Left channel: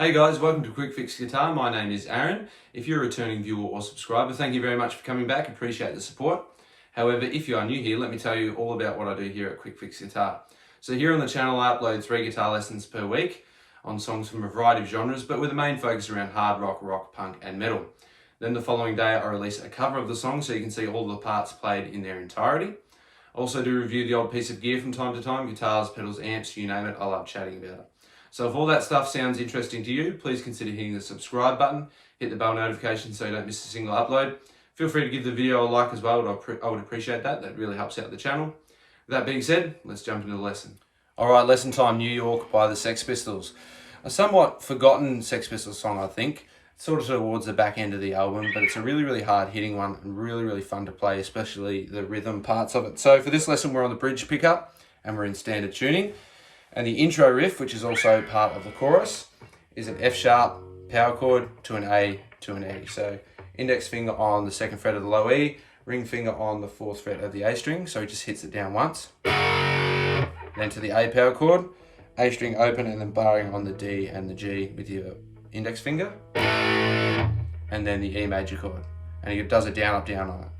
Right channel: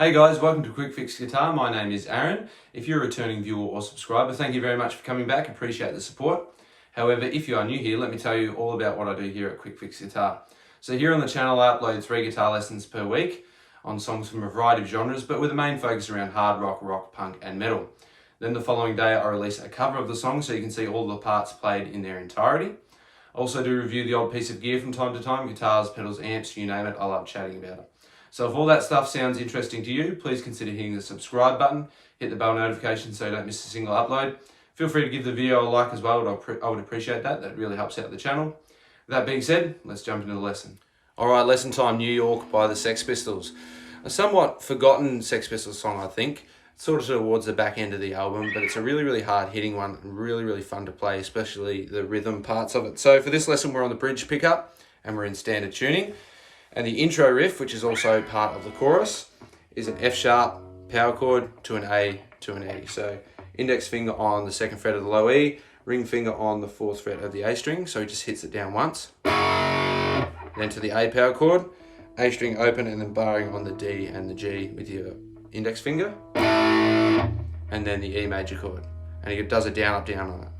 Hey guys, welcome to Quickfix Guitar. My name is Aaron. If you're a returning viewer or subscriber, thank you very much for coming back. Appreciate the support. However, if you are new here, let me tell you all about what I do here at Quickfix Guitar. So here on the channel, I upload 3 guitar lessons per week on songs from a variety of genres, but with a main focus around hard rock, punk, and metal. Then the following day, I release a cover of the song so you can see all the parts played in their entirety. I also do review the odd piece of gear from time to time, guitars, pedals, amps, you name it. I love chatting about it. So if all that stuff sounds interesting to you, please consider hitting the subscribe button, hit the bell notification so you don't miss a single upload. Feel free to give the video a like as well, I would appreciate that. That really helps out the channel. With that being said, let's jump into the lesson. Alright, lesson time, New York by the Sex Pistols. A somewhat forgotten Sex Pistols song, I think. Sort of towards the back end of the album, but it's a really hard hitting one and really fun to play, especially the rhythm parts of it. So for this lesson, we're on the bridge pickup and we're in standard tuning. And the intro riff, which is also part of the chorus, is an F sharp power chord to an A to an E. So index finger on the 2nd fret of the low E, ring finger on the 4th fret of the A string, so he just hits it down once. Then to the A power chord, A string open and then barring on the D and the G with your index finger. And then the E major chord. And he does a down, up, down on it.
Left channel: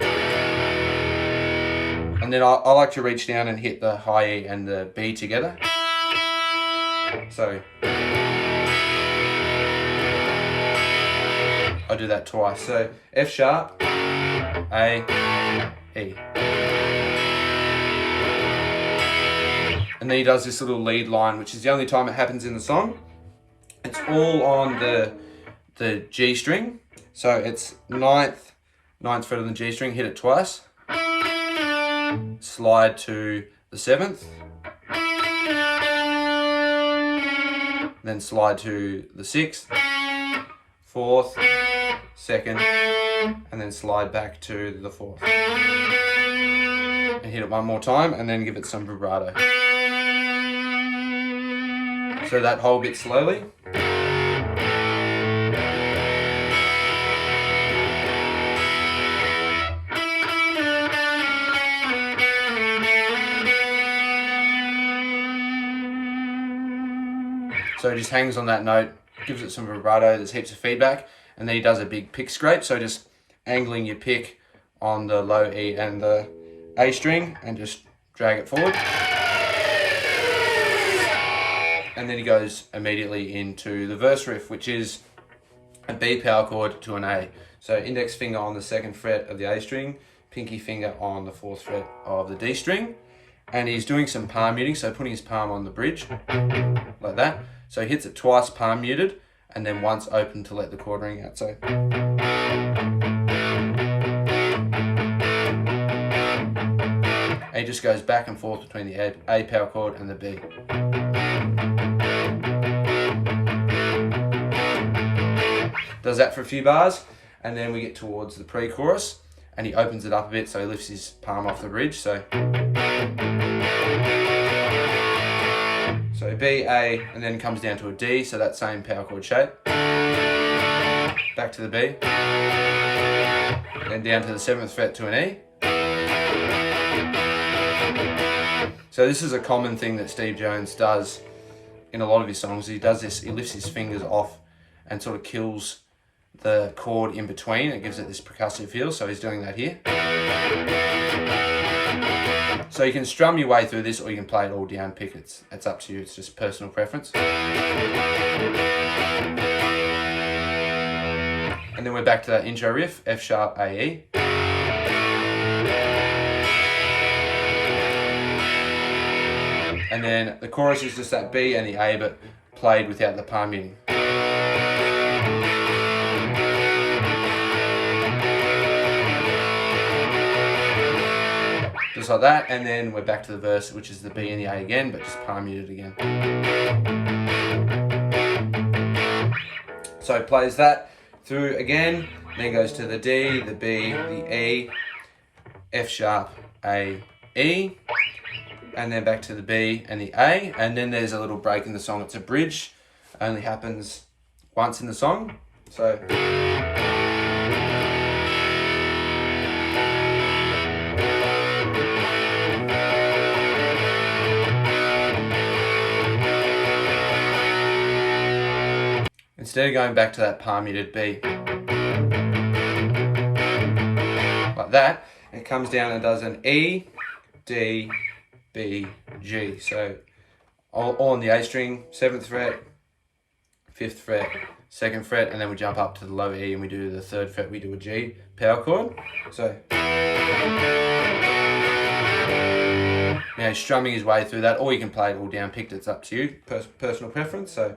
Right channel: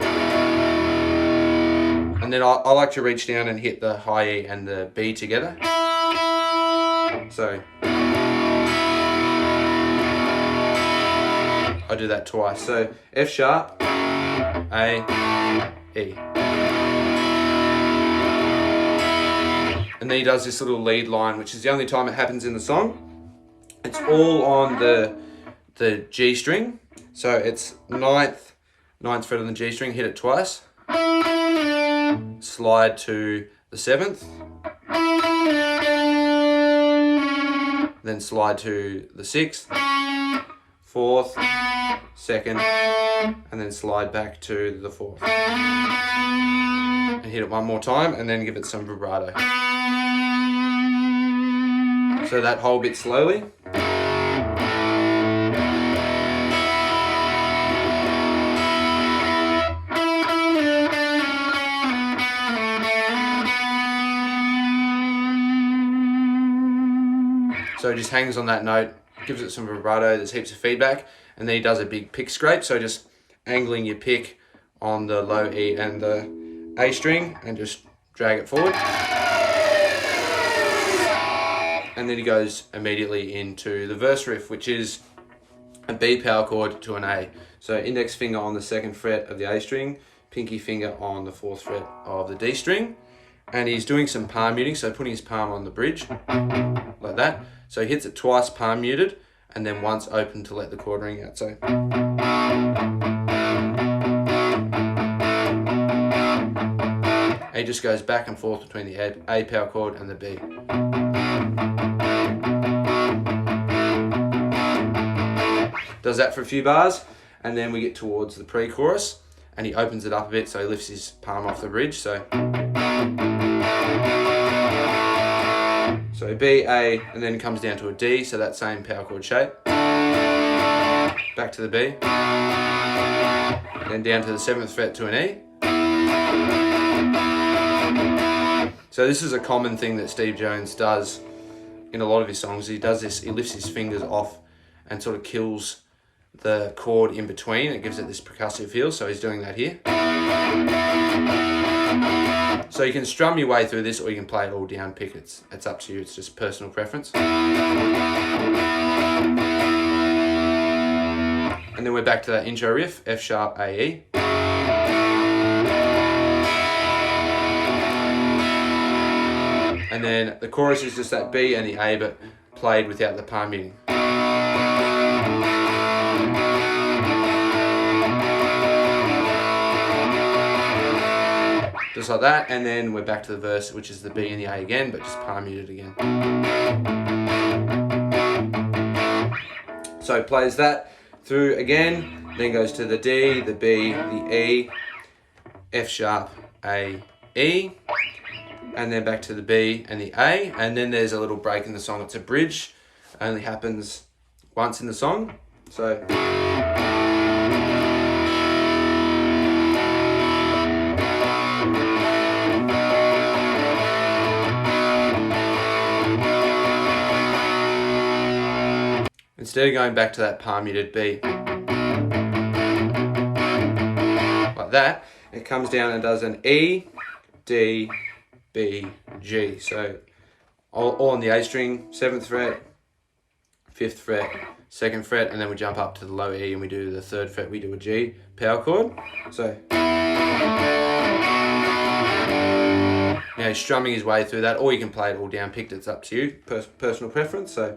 And then I like to reach down and hit the high E and the B together. So I do that twice. So F sharp, A, E. And then he does this little lead line, which is the only time it happens in the song. It's all on the G string. So it's 9th fret on the G string, hit it twice. Slide to the 7th. Then slide to the 6th, 4th, 2nd, and then slide back to the 4th. And hit it one more time and then give it some vibrato. So that whole bit slowly. So he just hangs on that note, gives it some vibrato, there's heaps of feedback, and then he does a big pick scrape, so just angling your pick on the low E and the A string, and just drag it forward. And then he goes immediately into the verse riff, which is a B power chord to an A. So index finger on the 2nd fret of the A string, pinky finger on the 4th fret of the D string, and he's doing some palm muting, so putting his palm on the bridge, like that. So he hits it twice palm muted, and then once open to let the chord ring out. So he just goes back and forth between the A power chord and the B. Does that for a few bars, and then we get towards the pre-chorus, and he opens it up a bit, so he lifts his palm off the bridge. So B, A, and then comes down to a D, so that same power chord shape. Back to the B. Then down to the 7th fret to an E. So this is a common thing that Steve Jones does in a lot of his songs. He does this, he lifts his fingers off and sort of kills the chord in between. It gives it this percussive feel, so he's doing that here. So you can strum your way through this, or you can play it all down pick. It's up to you, it's just personal preference. And then we're back to that intro riff, F sharp, A, E. And then the chorus is just that B and the A, but played without the palm muting. Just like that, and then we're back to the verse, which is the B and the A again, but just palm muted again. So plays that through again, then goes to the D, the B, the E, F sharp, A, E, and then back to the B and the A, and then there's a little break in the song. It's a bridge, only happens once in the song. So instead of going back to that palm muted B, like that, it comes down and does an E, D, B, G. So all on the A string, 7th fret, 5th fret, 2nd fret, and then we jump up to the low E and we do the 3rd fret, we do a G power chord. So now he's strumming his way through that, or you can play it all down picked, it's up to you, personal preference. So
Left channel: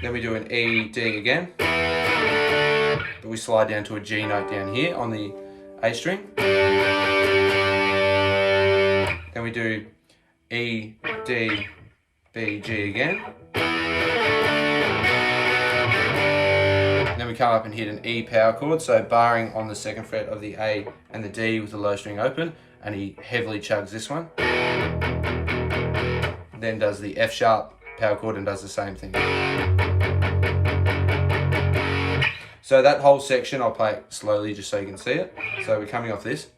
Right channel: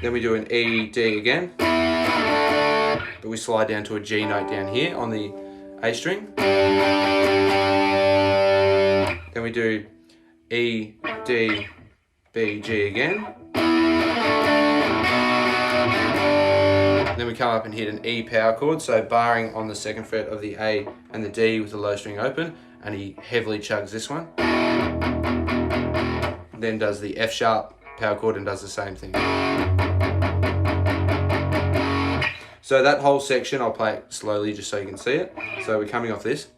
then we do an E, D again, but we slide down to a G note down here on the A string. Then we do E, D, B, G again. Then we come up and hit an E power chord, so barring on the 2nd fret of the A and the D with the low string open, and he heavily chugs this one. Then does the F sharp power chord and does the same thing. So that whole section, I'll play it slowly just so you can see it. So we're coming off this.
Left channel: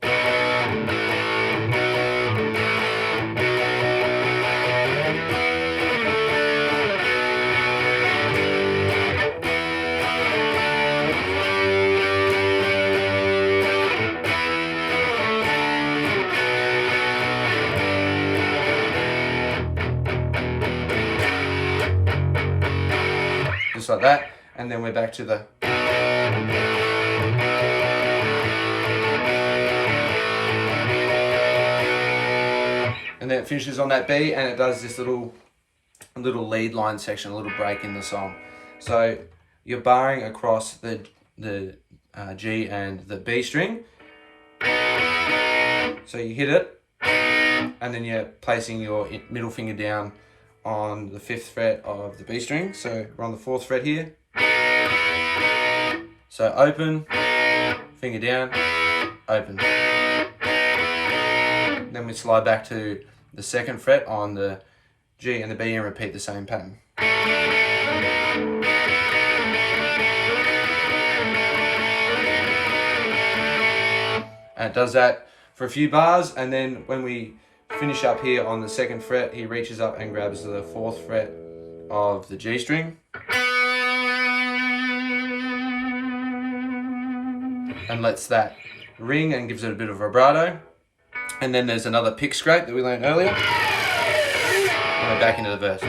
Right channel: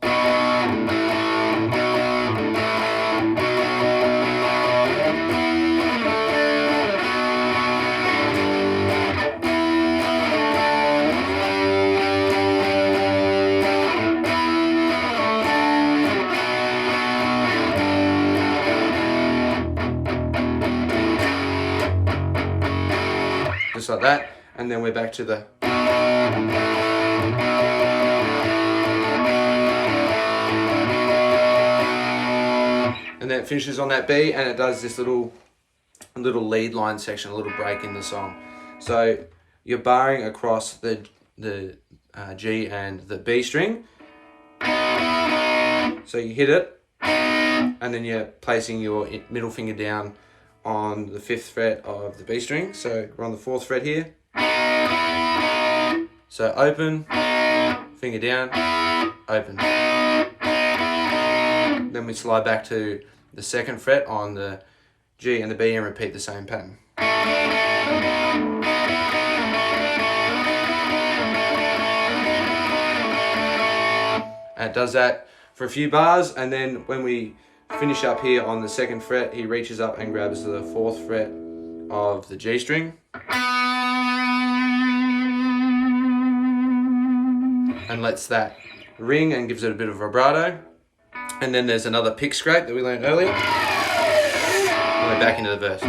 Just like that, and then we're back to the and then it finishes on that B, and it does this little lead line section, a little break in the song. So you're barring across the G and the B string. So you hit it, and then you're placing your middle finger down on the 5th fret of the B string. So we're on the 4th fret here. So open, finger down, open. Then we slide back to the 2nd fret on the G and the B and repeat the same pattern. And it does that for a few bars, and then when we finish up here on the 2nd fret, he reaches up and grabs the 4th fret of the G string and lets that ring and gives it a bit of vibrato. And then there's another pick scrape that we learned earlier, and we're back into the verse.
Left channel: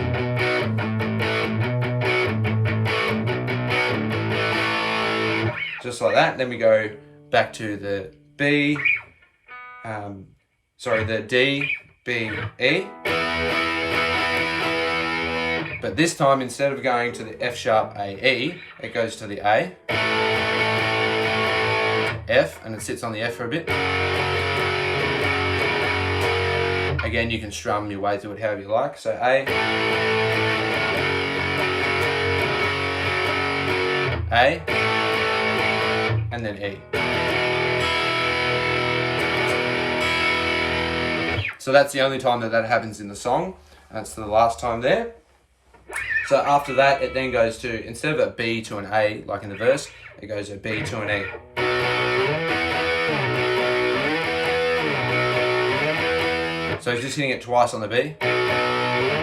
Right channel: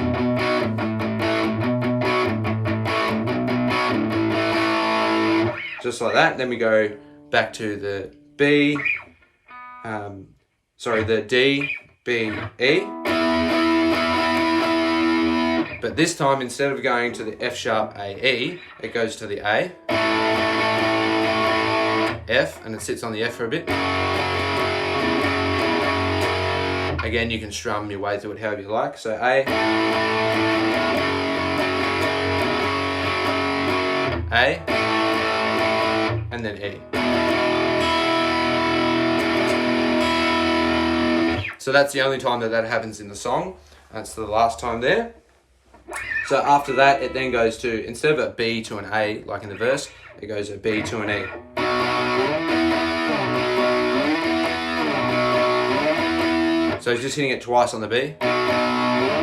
Just like that. Then we go back to the B, the D, B, E. But this time, instead of going to the F sharp A, E, it goes to the A, F, and it sits on the F for a bit. Again, you can strum your way through it however you like. So A, and then E. So that's the only time that happens in the song. That's the last time there. So after that, it then goes to, instead of a B to an A, like in the verse, it goes a B to an E. So he's just hitting it twice on the B,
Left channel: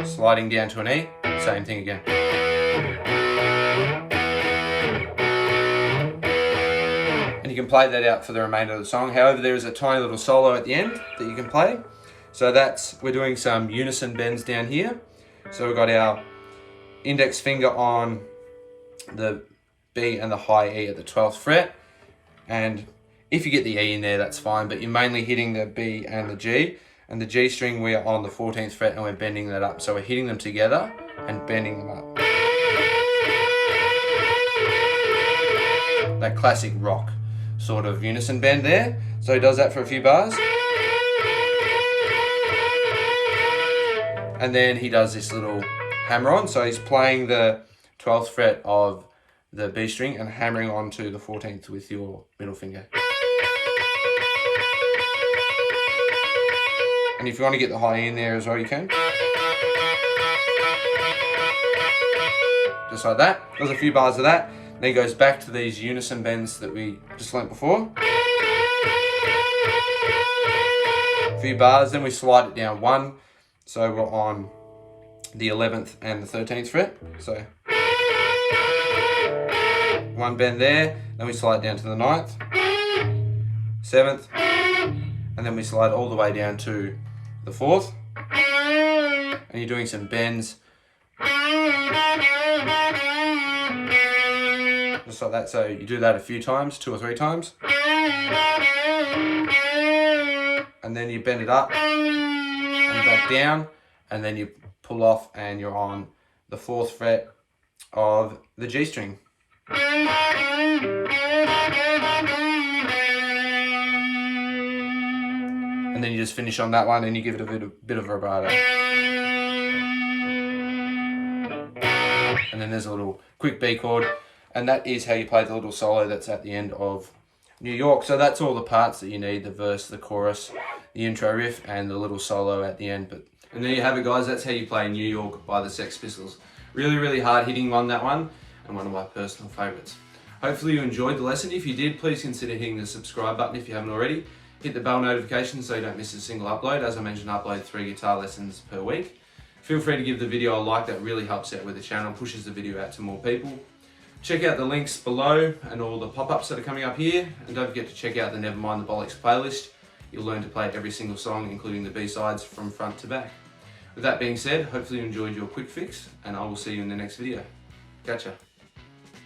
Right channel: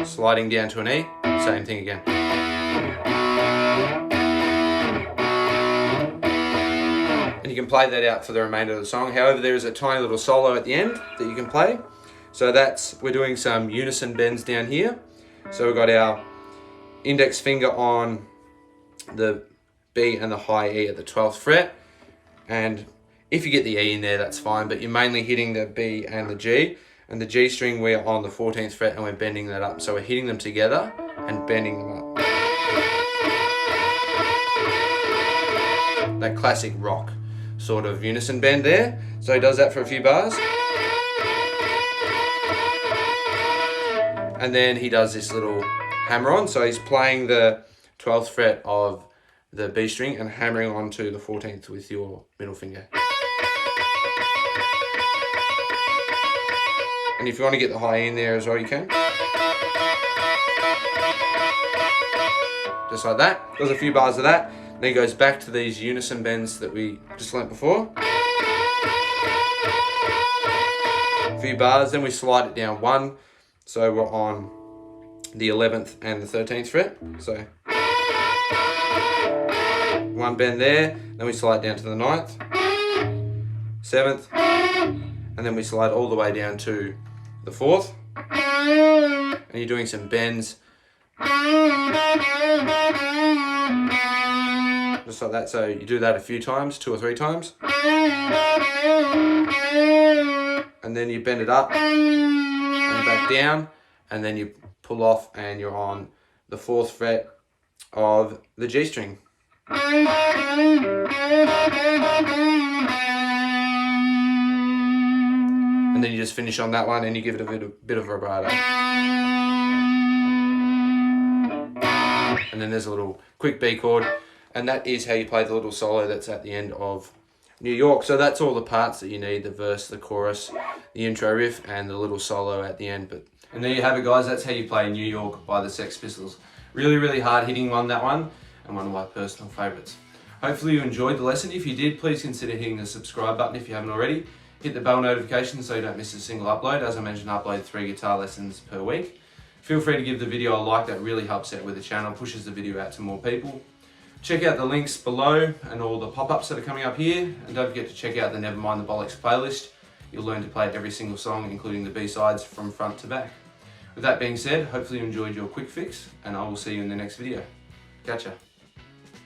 sliding down to an E, same thing again. And you can play that out for the remainder of the song. However, there is a tiny little solo at the end that you can play. So we're doing some unison bends down here. So we've got our index finger on the B and the high E at the 12th fret. And if you get the E in there, that's fine, but you're mainly hitting the B and the G. And the G string, we're on the 14th fret and we're bending that up. So we're hitting them together and bending them up. That classic rock sort of unison bend there. So he does that for a few bars. And then he does this little hammer on. So he's playing the 12th fret of the B string and hammering onto the 14th with your middle finger. And if you want to get the high E in there as well, you can. Just like that. Does a few bars of that. Then he goes back to these unison bends that we just learnt before. A few bars, then we slide it down one. So we're on the 11th and the 13th fret. So one bend there, then we slide down to the 9th, 7th, and then we slide all the way down to the 4th. And you're doing some bends just like that. So you do that a few times, 2 or 3 times, and then you bend it up and back down, and then you pull off and you're on the 4th fret of the G string. And then you just finish on that one and you give it a bit of vibrato. And then there's a little quick B chord, and that is how you play the little solo that's at the end of New York. So that's all the parts that you need: the verse, the chorus, the intro riff, and the little solo at the end. And there you have it, guys. That's how you play New York by the Sex Pistols. Really, really hard hitting on that one, and one of my personal favourites. Hopefully you enjoyed the lesson. If you did, please consider hitting the subscribe button if you haven't already. Hit the bell notification so you don't miss a single upload. As I mentioned, I upload 3 guitar lessons per week. Feel free to give the video a like. That really helps out with the channel, pushes the video out to more people. Check out the links below and all the pop-ups that are coming up here. And don't forget to check out the Nevermind the Bollocks playlist. You'll learn to play every single song, including the B-sides from front to back. With that being said, hopefully you enjoyed your quick fix, and I will see you in the next video. Catcha.